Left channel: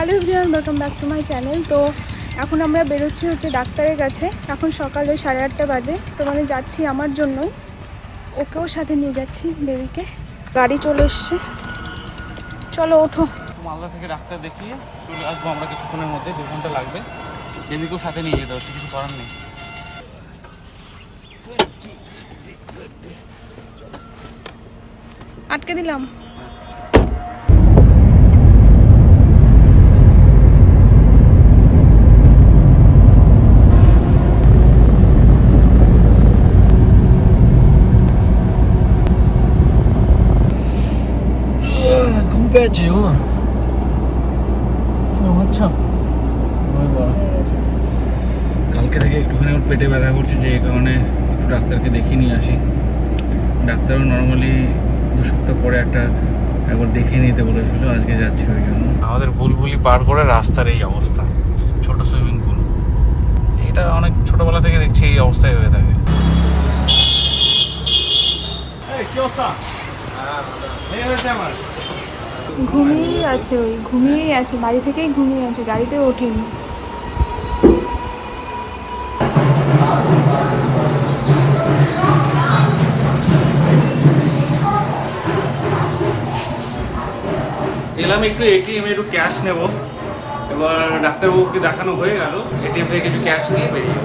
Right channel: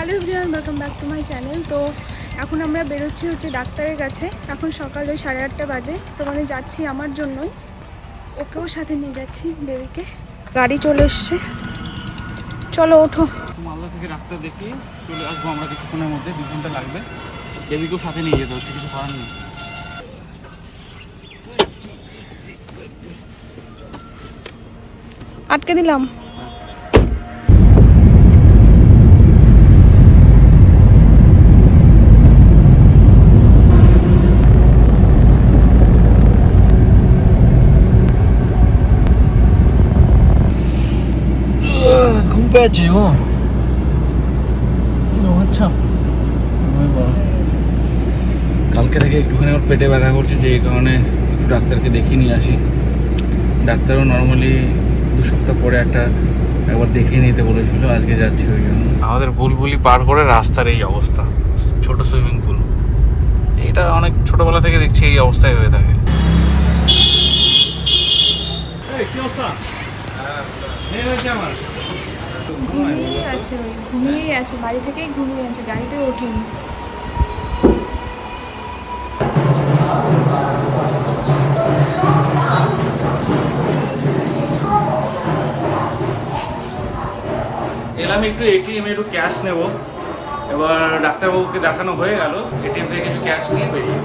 Hello everyone welcome back to my channel তো এখন আমরা বেরোচ্ছি হচ্ছে ডাক্তারের কাছে। এখন সকাল ওই সাড়ে আটটা বাজে তো মানে যাচ্ছি আমার জন্যই। ওকেও সাথে নিয়ে যাচ্ছি বেবিকে। গাড়ি চলে এসছে। চলো ওঠো। মালদা থেকে ডাক্তার দেখিয়ে চলে আসব আমরা কিছুক্ষণের মধ্যে দু ঘণ্টা লাগবে। দেবীকেও সাথে নিয়ে যেতে হচ্ছে কিছু করার নেই। আটকে দিলাম। পেয়েছে ও। আচ্ছা। কালকে থেকে একটুখানি ওর পেটে ব্যথা করছে যে এই কারণে একটু ডাক্তারকে দেখিয়ে নিয়ে আসি। ডাক্তারও নর্মালি দু সপ্তাহ পরে একটা একবার দেখিয়ে নিতে বলেছিল আজকে যাচ্ছি ওই জন্য। আমাদের বুলবুলি পার করে রাস্তার এই অবস্থা ছোট সুইমিং পুল এটা অনেক ছোটবেলা থেকে দেখছি এই অবস্থায় হয়ে থাকে। ঘুমিয়েই আছে ওই, ঘুমিয়েই আছে, বাড়ি থেকেই ঘুমিয়ে আছে গাড়িতে ওঠেনি। এলাম একটু এটিএম একটু ক্যাশ নেব। এবার ডাক্তারবাবুকে দেখানো হয়ে গেল এটিএম থেকে কিছু ক্যাশ নিয়ে বেরিয়ে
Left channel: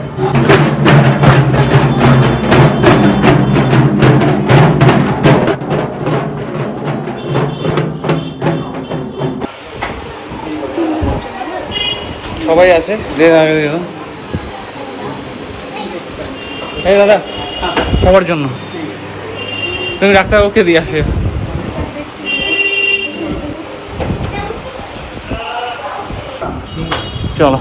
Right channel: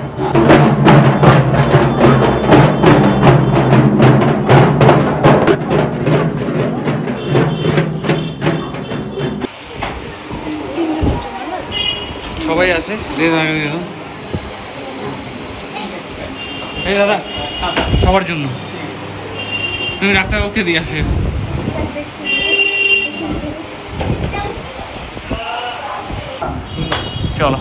সবাই আছে। যে এই দাদা সবার জন্য। তুমি ডাক্তারবাবুকে দিয়ে আসে। চলো।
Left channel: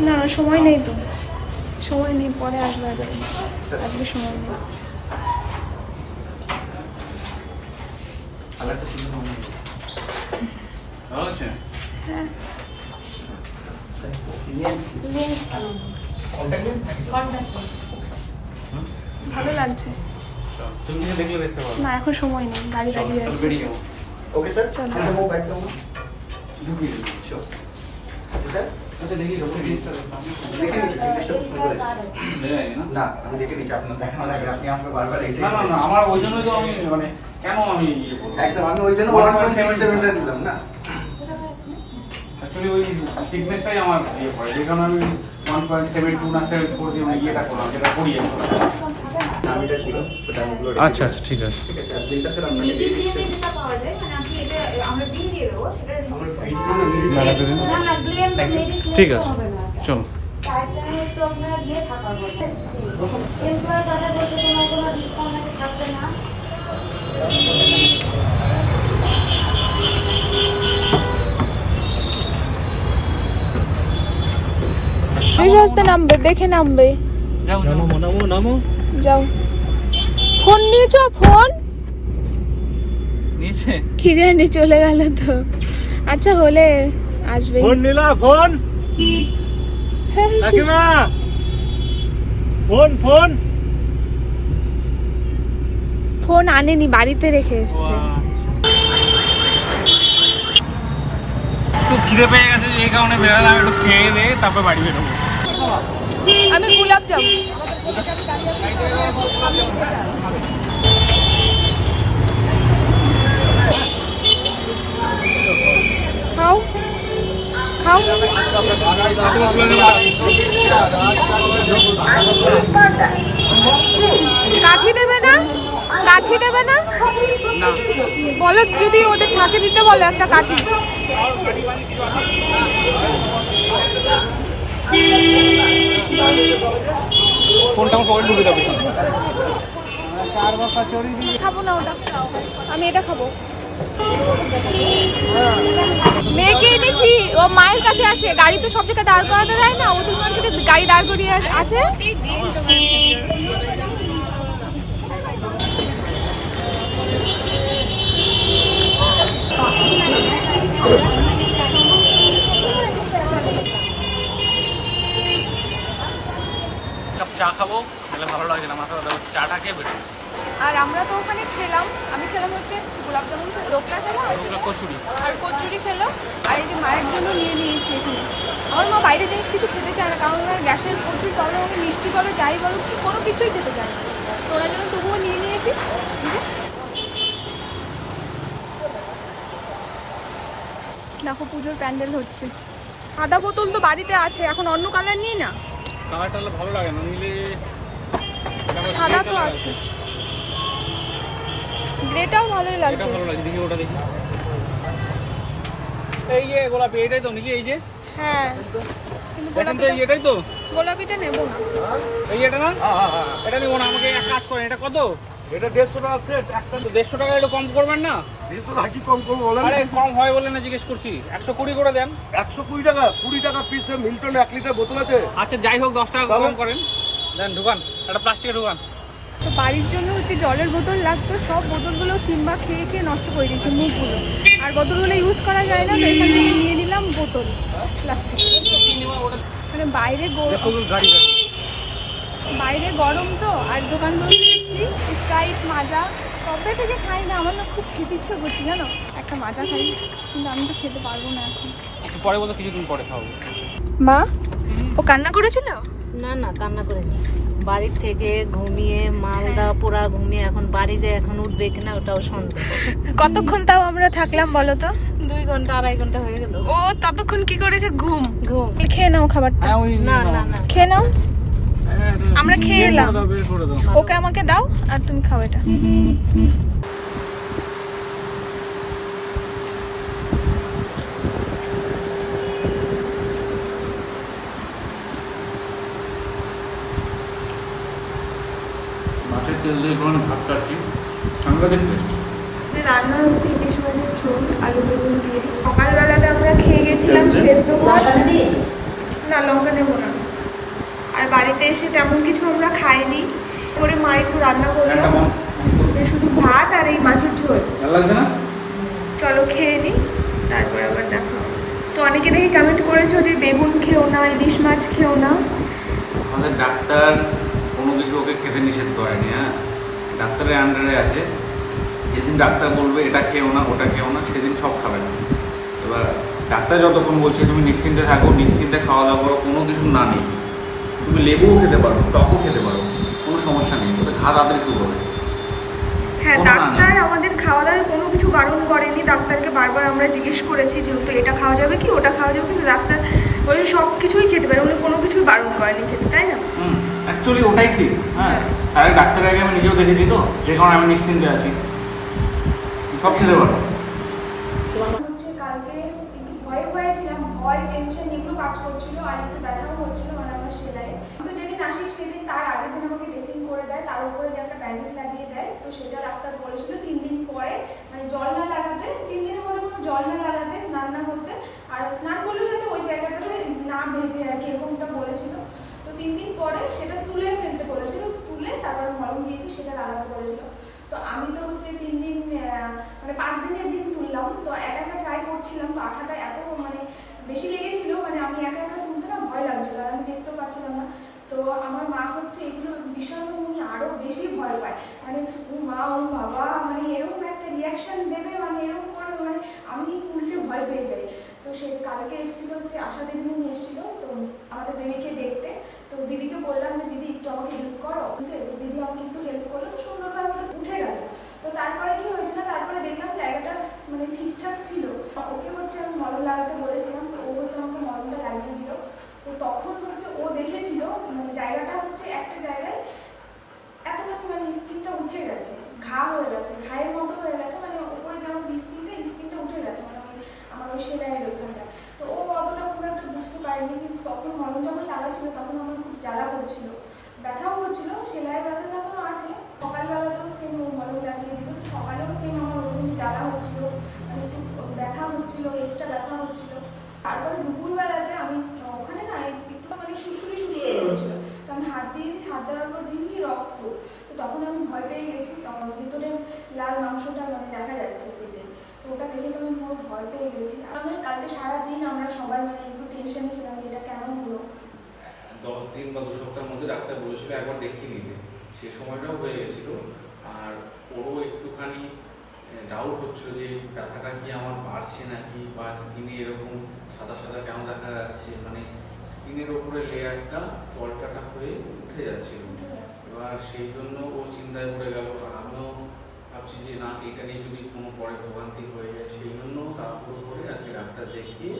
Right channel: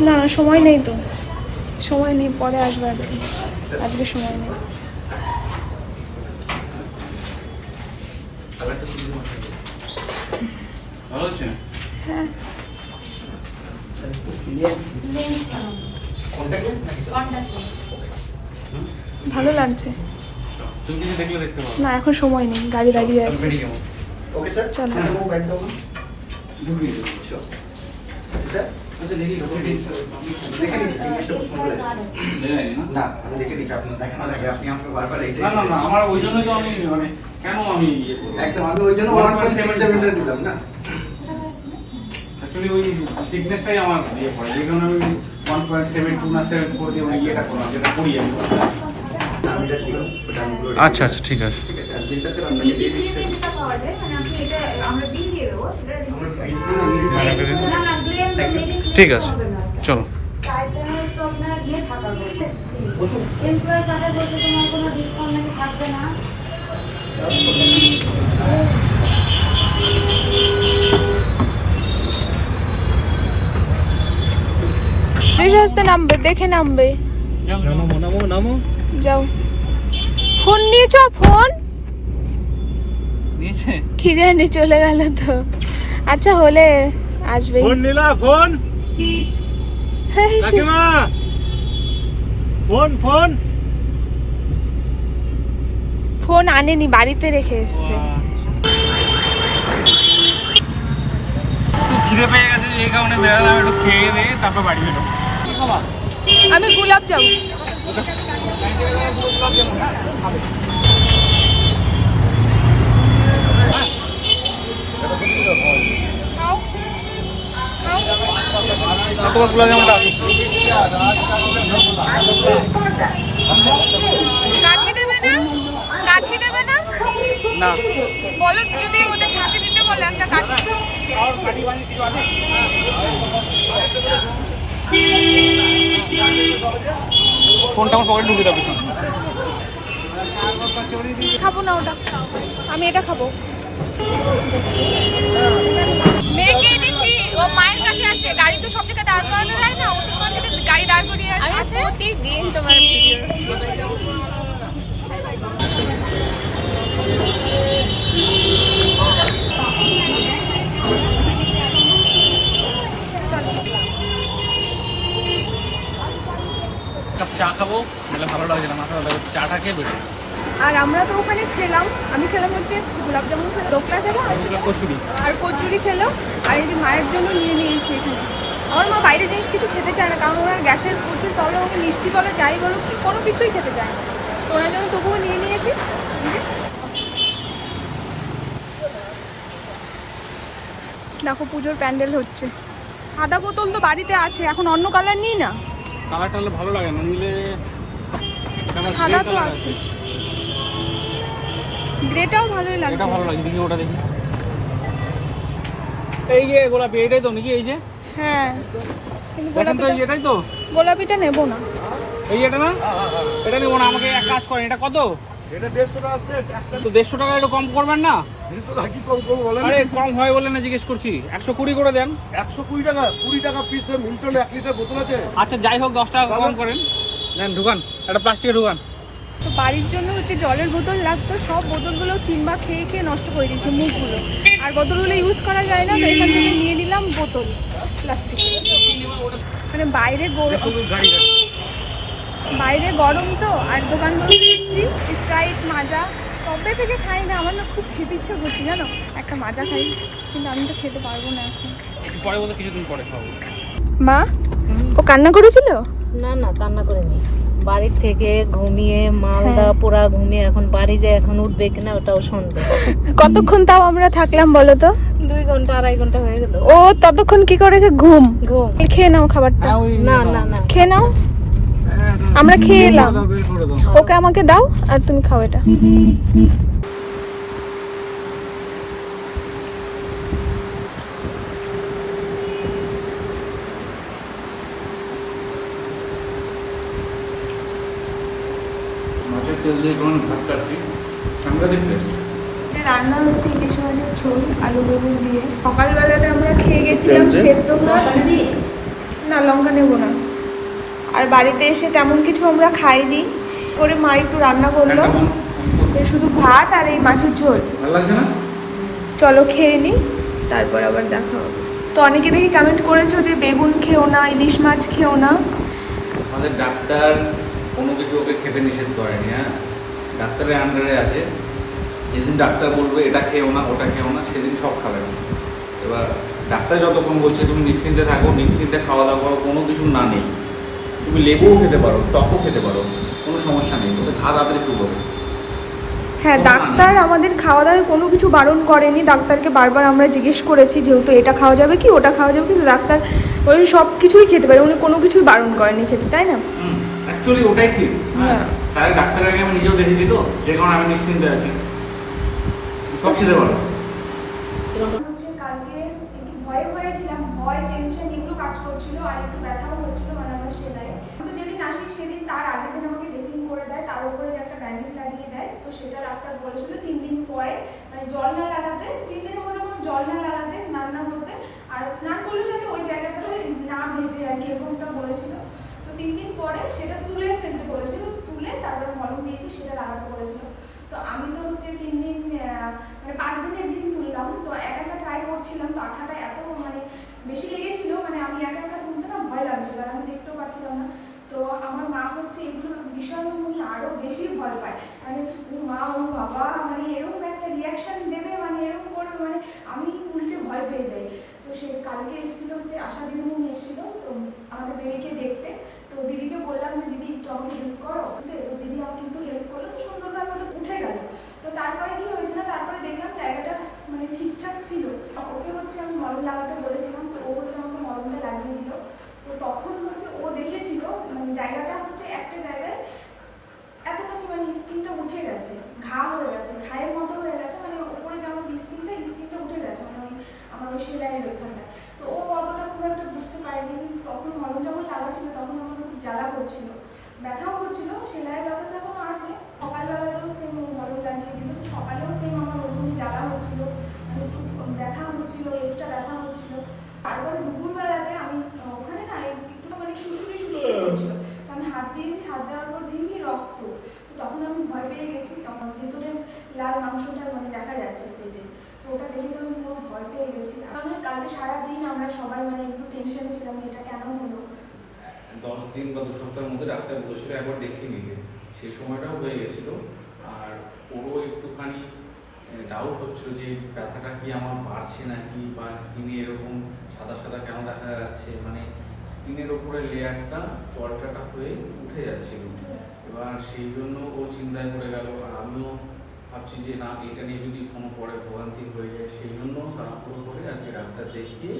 না না সময় নেই তো। সময় নেই পরে আসবে আজকে। আজকে সময় নেই। ভালো হ্যাঁ। ভালো লাগছে। না এখন সময় নেই গাড়ি দাঁড়িয়ে আছে. চলো। নিচ্ছি, জিনিসটা খুব সুন্দর এসেছে। না, আমি দেখে নিচ্ছি, আপনার দেখানোর আগে আপনি আমাকে বারবার এইটাই না না আমার ওই জন্যই তো আমি মানে কেন আমি ইয়ে একদম, আমি ওই জন্য 1.67 টা দিলাম না? অ্যাকচুয়ালি ওই ফিটনেসটাই আমার ইয়ে পড়ে যে কারণে আমি ওয়ান পয়েন্ট সেভেন টু না সেভেন ফোর দিয়ে আমি ইয়েটা করলাম যেটা করি আমি আচ্ছা আচ্ছা ঠিক আছে ঠিক আছে, আর বিলটা স্যার আপনাকে দিয়ে দিচ্ছি। মানে আপনি এটা আমরা বিল দিয়ে দেবো সেটা ক্লেম ঠিক আছে চলো। আসতে নামবে দেখে নামবে। যাও। ফোন নিয়েছ ফোন? কি জানি চলে গেল তো। আচ্ছা হলে আসবে ফোন নিলা ফোন। কাকিমা। Phone phone. ফোন আনেনি বাড়িতে রেখে এসছে। একটু খিদে পেয়ে গেছে এই কারণে বেরালাম একটু খেয়ে দিয়ে তারপর বাড়ি বেরোবো। আমি গোলাপ যাব খাও খাও কাঠি দেবে না? কাঠি দেবে না? না বলো যদি ওদের থাকে দিতে বলে একটা কাঠি। কোনটা আমার পকেট ঢুকে যাবে? খাব না ওটা আমি এটা খাব। সব জায়গায় দাঁড় যায় না? গাড়ি দাঁড় করিয়ে আছে। প্রতিদিন তোমার কাপ চা খাব বলে ভালো লাগছিল মাথা ব্যথা করছে। চাটা খেয়ে বেরো আর আমরা তো ওখানে খেলাম। আমি খেলাম হচ্ছে গোলাপ জামুন খেলাম খেলাম আর কচুরি। আর কচুরি খেলো। আর এই যে মায়ের জন্য নিয়ে নিয়েছি এখানে। আমার মা বাইরে জিনিস কিছু খেতে চায় না কারণ ওনার গ্যাসের প্রচুর প্রবলেম ওকে মিষ্টি বলো যাই বলো কি কোনো কিছুই খেতে চায় না। তো ওনার জন্য তবুও নিয়ে নিয়েছি। দেখো পুজোর প্যান্ডেল হচ্ছে। সাদা বোতল তো বাড়িতে আছে এখন অন্য কালার নিই না। কালারটা ভালো লাগে না নিলে সাদা তো আছে। গ্রেটাও ভালোই লাগছে। ভালো লাগে দেখি ওটা দেখি। এই যে গোলাপি এটাই তো নাকি এই যে? হ্যাঁ। কিন্তু তো গোলাপিটা এটাই তো? গোলাপিটা নেব না। এই এটা না? এটা নেব না আমাকে এক কাজ করেন এটা কত? এটা দেড়শো টাকা সেট তো দেড়শো টাকা একটু কম করবেন না? দেড়শো টাকা কি কম করব বলেন? আরে কম হয় বলে না জিজ্ঞেস করছি। একশো কুড়ি করে দেন। একশো কুড়ি টাকা কুড়ি টাকা পিসে মিল্টন এক লিটার বোতল আছে। আচ্ছা যাই হোক দশ টাকা কম করেন। দেন ঢুকান একটা প্লাস্টিকের ঢুকান। তো বাড়ির জন্য হচ্ছে জলের বোতল লাগতো সব বোতলগুলো সিম্বা খেয়ে খেয়ে নষ্ট করে দিয়েছে মুখগুলো। আর বোতলগুলো ইউজ করা যায় না তো এখান থেকে নিয়ে নিলাম বোতল প্লাস্টিক মানে বাইরে বাইরে গরম তো আর দোকানগুলো স্প্রাইট মাজা কবে থেকে খাই না আমার না খুব খেতে ইচ্ছে করছে জানো? একটা মাজা খাই কিন্তু আমি তো খেতে পারব না এখন। পরে বলতে কিছুদিন পরে খাব। মা? ও কান্না করেছিল? না না কান্না করেনি। বাড়ির থেকে ঘুমিয়ে মালদা পোড়া ঘুমিয়ে এখন বাড়ি যায় এখন উঠবে কিনা ওটাও সন্দেহ। কতক্ষণ তাও আমরা থাকলাম বলো তো? দুই ঘণ্টা আড়াই ঘণ্টা হয়ে গেল। ও ততক্ষণ কি করেছে? ঘুম। ঘুম। খেয়ে নাও খাবারটা। হ্যাঁ না না না। খেয়ে নাও। আমরা খেয়ে এলাম। ওকে আমাকে দাও আর তুমি খাও এটা। মাছের তেল দিয়ে কোনো ভাত খাচ্ছি ঠান্ডা রান্না হয়েছে ইলিশ মাছের ঝোল আলু বেগুন দিয়ে। সকালবেলাতে আমরা খেয়ে গেছিলাম সেদ্ধ ভাত। না লঙ্কা নেব না। আর বাড়িতে এসে তেমন কিছু আমরা খাইনি। করে মা একটু রান্না করল। শুধু ভাত আর এই মাছের ঝোল। না? চলো খেয়ে নিই তারপর আবার দেখা হবে। তো অনেকে দেখি কমেন্ট করেছ যে বেগুন খেও না ইলিশ মাছ খেও না। আমাদের ডাক্তার কোনো কিছু ওকে খেতে নিষেধ করেনি হ্যাঁ? ডাক্তারের আন্ডারে আছে। যেদিন ডাক্তার বলবে এটা খেও না ওটা খেও না সেদিন সব খাবে না। এবার ডাক্তার যতক্ষণ বলছে তুমি নিশ্চিন্তে থাকো নিশ্চিন্তে খাওয়া দাওয়া করো কোনো কিছু না নেই। তুমি লেবুও খেতে পারো টকও খেতে পারো কোনো সমস্যা নেই ওতে ঘা তাড়াতাড়ি শুরু হবে। হ্যাঁ ডাক্তার আমাদের খাওয়া দাওয়ায় কোনো কিছু বারণ করেনি। ডাক্তারকে বারবার আমরা জিজ্ঞেস করেছি যেহেতু এটা খাওয়া যাবে কি? ওটা খাওয়া যাবে কিন্তু ডাক্তার বলে সব কিছুই খেতে পারে। উনি কোনো কিছুই বারণ করেনি খেতে তাই না? হুম। অ্যাকচুয়ালি ওটাই ঠিক। হ্যাঁ তাহলে ডাক্তারের আগে আমি নিজেও দেখেছি তো যে কারণে আমি নিশ্চিন্তে আছি। সব খেতে পারো। কালকে একটু ভয়ে ভয়ে ছিলাম ভয় টেনশন এগুলো কাজ করছিল আর একটু ব্যথাও হচ্ছিল আমরা সেলাই তো যেদিন আসি সেদিন তার আগের দিন আমাকে ড্রেসিং করে দেয় তার উপরে যে একটা ব্যান্ডেজ লাগিয়ে দেয় তো সেটা ডাক্তার বলেছিল তিন দিন পরে। মানে জল না লাগাতে তিন দিনের মধ্যে কোনো জল না লাগাতে স্নান না করতে আর স্নান করলে যাতে ওই জায়গাটাতে না ভেজে আর কি এরকমটা বলেছিল। তিন দিন পরে সেটা তুলে ফেলতে বলেছিল তুলে তারপরে মলম দিয়েছে সেটা লাগাতে বলেছিল তো আমি তো হচ্ছে তিন দিন আহ, মানে পাঁচ দিনের দিন তুললাম তো একা একা ট্রাই করছিলাম তো আঠাটা এত মানে বেশি লেগেছিল মানে আমি একা একা তুলতে না ভয় লাগছিল আর আমি দেখতেও পাচ্ছিলাম না তো আমার মা হচ্ছে এগুলো ভীষণ উনি আরও বেশি ভয় পায় আমি ও মা ও বাবা মানে এরকম একটা রিয়াকশন দেবে মানে এরকম করবে মানে আমি উল্টে ভয় পেয়ে যাই তো সে কালকে এসেছিল হচ্ছে আশা দিদিমণি এসেছিল তো আমাদের বেবিকে দেখতে তো দিদিকে বললাম যে দিদি একটু আমাকে হেল্প করো বুঝলে তো দিদি আমাকে একটু হেল্প করল তো সুন্দরভাবে ওটা উঠে গেল তো তারপরে কি হয়েছিল তারপরে দেখলাম জায়গাটা মানে ঠিকঠাক ছিল ওকে হচ্ছে আমি মলম লাগাতে বলেছিলাম তো ও হচ্ছে আমাকে মলমটা লাগিয়ে দিল তো তখন হচ্ছে ও দেখেছিল মানে জায়গাটা হচ্ছে একটা জায়গায় এতখানি মানে স্কিনটা উঠে গেছে ঘা হয়ে গেছে ঘায়ের মতো হয়ে গেছে মানে উপরে যেমন স্কিনটা স্কিনটা উঠে গেছে মানে ওই সেলাইয়ের ওখানটায়। তো ও অতটা খুব একটা বুঝতে পারেনি কিন্তু তখন মলম যখন লাগাচ্ছিল তখন আমার খুব জ্বালা করছিল। ব্যথাও হচ্ছিল সেলাই ব্যথা তখন আছে। সকালবেলাটাও সেম ও মলম লাগিয়ে দিল সকালেও সেম আমার ওরকম জ্বালা হচ্ছিল মানে একটু ব্যথা হচ্ছিল এক্সট্রা ব্যথা হচ্ছিল তারপরে দুপুরবেলাতে আমি ওখানে না একটু মানে শুশুরি শুশুরি হচ্ছিল তো আমি হাত দিয়েছি হাত দেওয়ার পর দিনই রক্ত। তো তখন আমি ভয় পেয়ে গেছি তখন ভিতরে লাল মাংসটা মানে দেখা যাচ্ছে পেটে। তো ওটা দেখে তো আমি পুরো ভয় পেয়ে গেছি আমি টেনশনে ছিলাম যে এটা কেন হলো? দশ দিন বা দু সপ্তাহের মধ্যে ডাক্তার বলেছিল একবার দেখিয়ে নিতে সেই সময়টাও হয়ে গেছিল। আর ওরও একটুখানি ডাউট হচ্ছিল যে ব্যথাটা কি আমার বাড়ছে নাকি বা স্কিনে এরকম সাদা সাদা কেন দেখা যাচ্ছে? মানে স্কিনের ওপরে লেয়ারটা জলটাটা হয়ে উঠে যাচ্ছে। এবার সেই জন্য ও চিন্তায় পড়ে গেল। আর আমিও ভাবছি যে না, এটা নিয়ে যদি কোনো পরে ভোগান্তি হয়ে যায়, সেই জন্য তাড়াহুড়ো করে আজকে ডাক্তার দেখিয়ে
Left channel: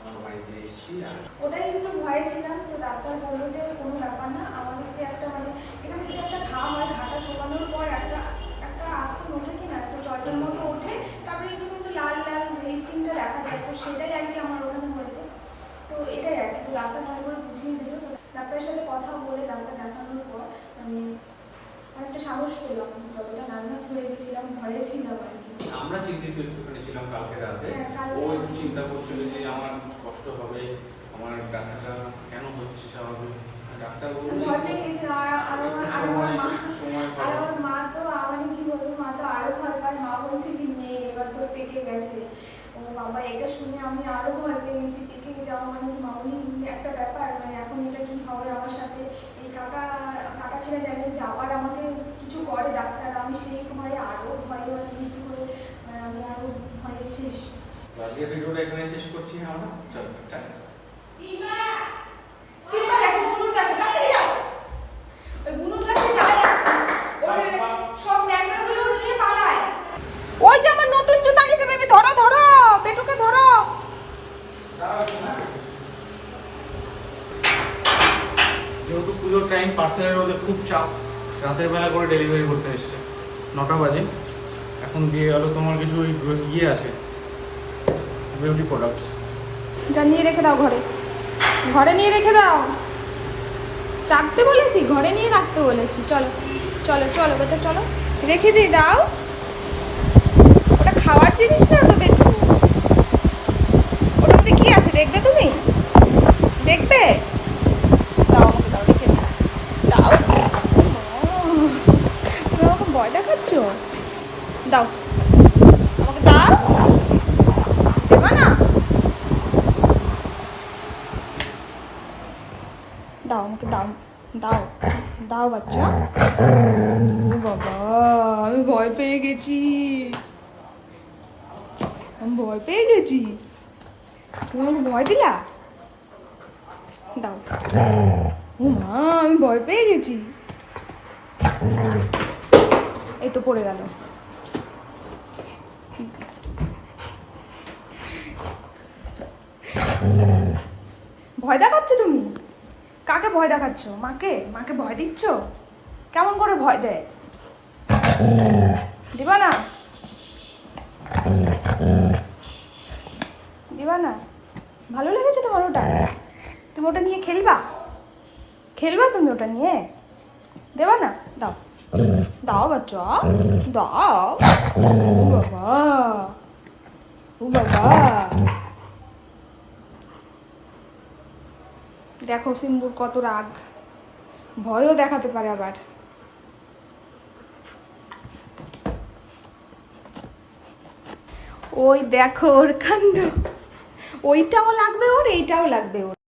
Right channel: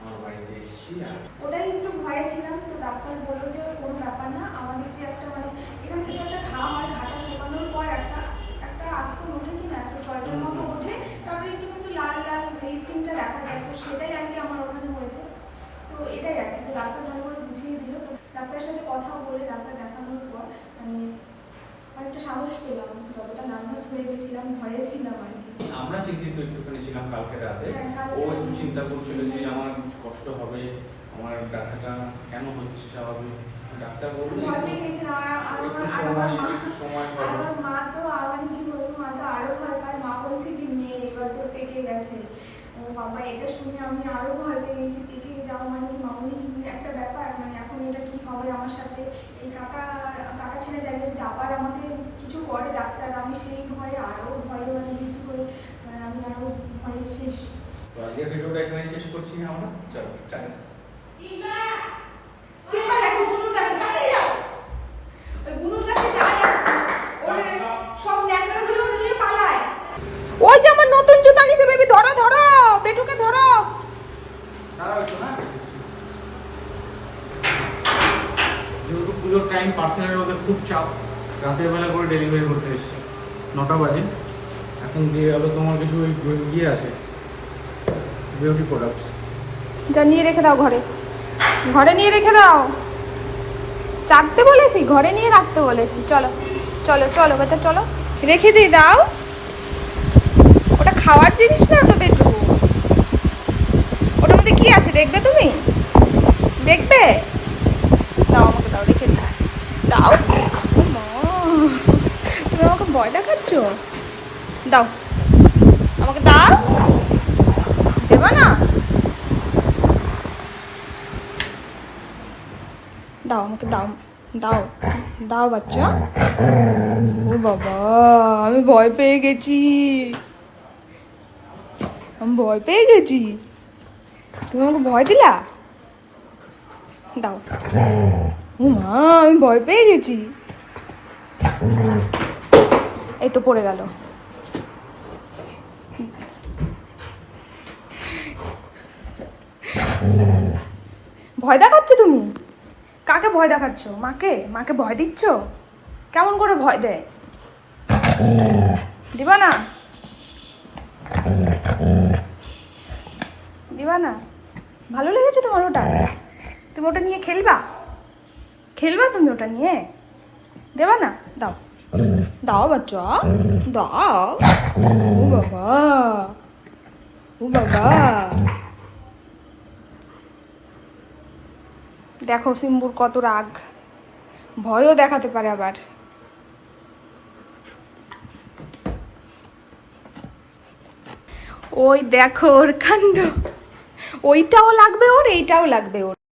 আমার বাড়িতে এসেছি আর ওটাই একটু ভয়ে ছিলাম, তো ডাক্তার বলল যে কোনো ব্যাপার না, আমাদের যে একটা মানে এখান থেকে একটা ঘা হয় ঘাটা শোকানোর পর একটা একটা আস্তন ওঠে কি না একটা জলের মতো ওঠে তারপরে একটু কিন্তু লাল লাল এই স্কিনটা দেখা যায় তো সেটাই আর কি আমার ওখানে হয়েছে তো এটাই আর কি তো ডাক্তার ভালো করে বুঝিয়ে দিল তো ডাক্তারের সাথে কথা বলে ডাক্তার দেখানোর পর আমি অনেকটা সাহস পেলাম যতটা নার্ভাস হয়ে গেছিলাম ভয়ে ছিলাম আর কি আমরা চিন্তিত একটুখানি ছিলাম কালকে রাতে। হ্যাঁ, ও একটু চিন্তা করছিল যে আমার কষ্ট হবে আমার ডাক্তারটা কেন হচ্ছে স্বাভাবিক? ডাক্তার বলল যে ভয় পেয়ে গেছিলাম আর আর একটু আমার- আর আমার সময় একটু সময় পাবো মা তো আমার কি বলব মা তো আরও ভয় পায়। মা বলছে কি মেয়ে এবার তো পেকে গেছে। বাবা এটা শুনে আমি আরও ভয় পেয়ে গেছি। পেকে যাওয়া মানে কি মামুনি একটা ব্যাপার? মানে এখন এটা কি হবে আমার সাথে? এই কাকা কাকা ছেলে যায় যদি আবার আমাকে কিছু করে ডাক্তার আমি সেই ভয়ে আরও ভয়ে আরও ভয়ে শেষ ভিডিওটা এখানে শেষ করছি আমরা চলো টাটা। ওই যে আমার নতুন জুতা নিছে বেবি ধরো ধরো পেটুকে ধরো। যেহেতু পুজোর টাইম পার্সেলের ওদের খুব চাপ রাতের বেলা করে ডেলিভারি করতে এসছে। নটা বাজে। এখন দিয়ে গেল তোমার কিছু ওই ইয়ে আছে বিউটি প্রোডাক্টস যা নিয়ে রেখে দাও ঘরে। ঘরে নিয়ে রেখে দাও। চাটতে বলেছি, ঘরে নিয়ে রাখতে বলেছি। চলো চলো চলো, বেটা, চলো। রেখে দিয়ে দাও। ওটা খাওয়ার জিনিস না তো, বেটু? ওটার মধ্যে কি আছে দেখবে তুমি? দেখবে? দাও আমাকে, দাও, রেখে দিই দাও তুমি আমাকে ভয় দেখাচ্ছ? দাও। আমাকে দাও। দেবা না? দাও, আমাকে দাও দাও দাও বাচ্চা। ও বাবা, আমি ভয় পেয়ে গেছি। আমি ভয় পেয়ে গেছি। তুমি আমাকে ভয় দিলা? দাও। ও মা, আমি ভয় পেয়ে গেছি। এই তো পড়ে গেল। ভয় দেখাচ্ছ তুমি? কাকে ভয় দেখাচ্ছ? মাকে? মাকে ভয় দিচ্ছ? কেমন করে ভয় দেয়? দিবা না দিবা না ভালো লেগেছে তোমার ওটা? তুমি ওটা নিয়ে খেলবা? খেলবা তুমি ওটা নিয়ে? দেবা না দাও। দাও বাচ্চা, দাও। বাবা, ও বাবা। দেখো সিম্বুর কত রাগ। ভয়ও দেখাতে পারে আবার। ওই দেখো ওর কাণ্ড। ওইটাও লাগবে ওর, এইটাও লাগবে ওর।